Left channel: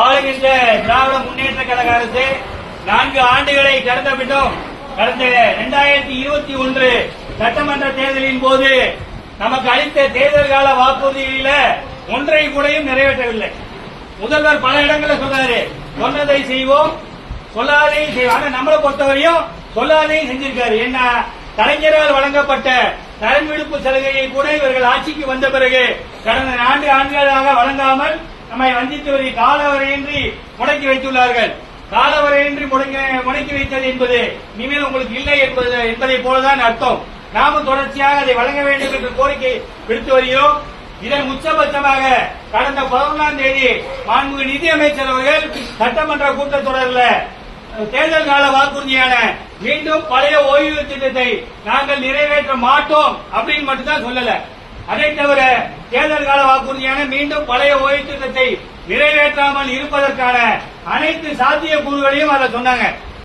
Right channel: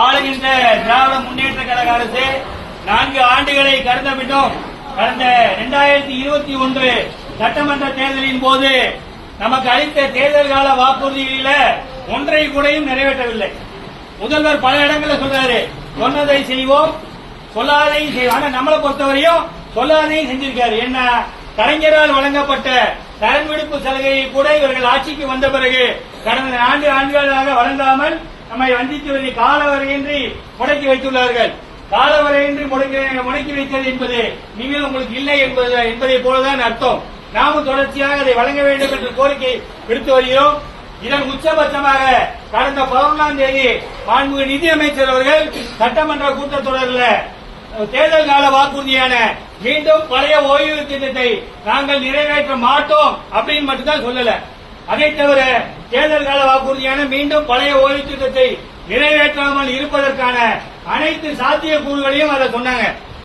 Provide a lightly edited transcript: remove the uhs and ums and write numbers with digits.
ஆளுகின்ற திராவிட முன்னேற்ற கழக அரசு 4 ஆண்டுகளை கடந்த பின்னும் கடந்த 2021 சட்டமன்ற தேர்தலின் போது நமக்கு அளித்த தேர்தல் கால வாக்குறுதிகளில ஒன்றை கூடயும் நிறைவேற்றவில்லை. முதல்வர் பல இடங்களில் சொல்றாரு, சொன்னதை செய்வோம் சொல்லாதையும் செய்வோம். ஆனா நம்மளை பொறுத்தவரையும் சொல்லாதையும் செஞ்சிருக்காரு. என்ன, கலைஞரால் வழங்கப்பட்ட கடன் விடுப்பு சலுகையை கூட இவர்கள் ஆட்சிக்கு வந்த பிறகு கடந்த 4 ஆண்டுகளாக வழங்காமல் நம்மை வஞ்சித்து வருகை காலவரையின்றி முடக்கி வைத்துள்ளார்கள். காலவரையின்றி முடக்கி வைத்தது என்பது இனிமேல் உங்களுக்கு இல்லை என்பதை போலதான் அர்த்தம். நாமும் தொடர்ச்சியாக அதை வழங்க வேண்டும் என்று கோரிக்கை விடுத்து வருகிறோம். இதன் உச்சபட்சமாக கடந்த 11ஆம் தேதி மாண்புமிகு நிதியமைச்சர் அவர்கள் சட்டமன்ற கூட்டத்தொடரில் தேர்தல் கால வாக்குறுதியான மீண்டும் பழைய ஓய்வு திட்டத்தை நாங்கள் நிறைவேற்ற மாட்டோம் அப்படின்னு மட்டும்தான் சொல்லல. அதை தவிர தேர்தல் கால வாக்குறுதியான மீண்டும் பழைய ஓய்வு திட்டத்தை நிறைவேற்றாமல் இருப்பதற்கான அனைத்து சாத்தியக்கூறுகளையும் அதை சொன்னாங்க.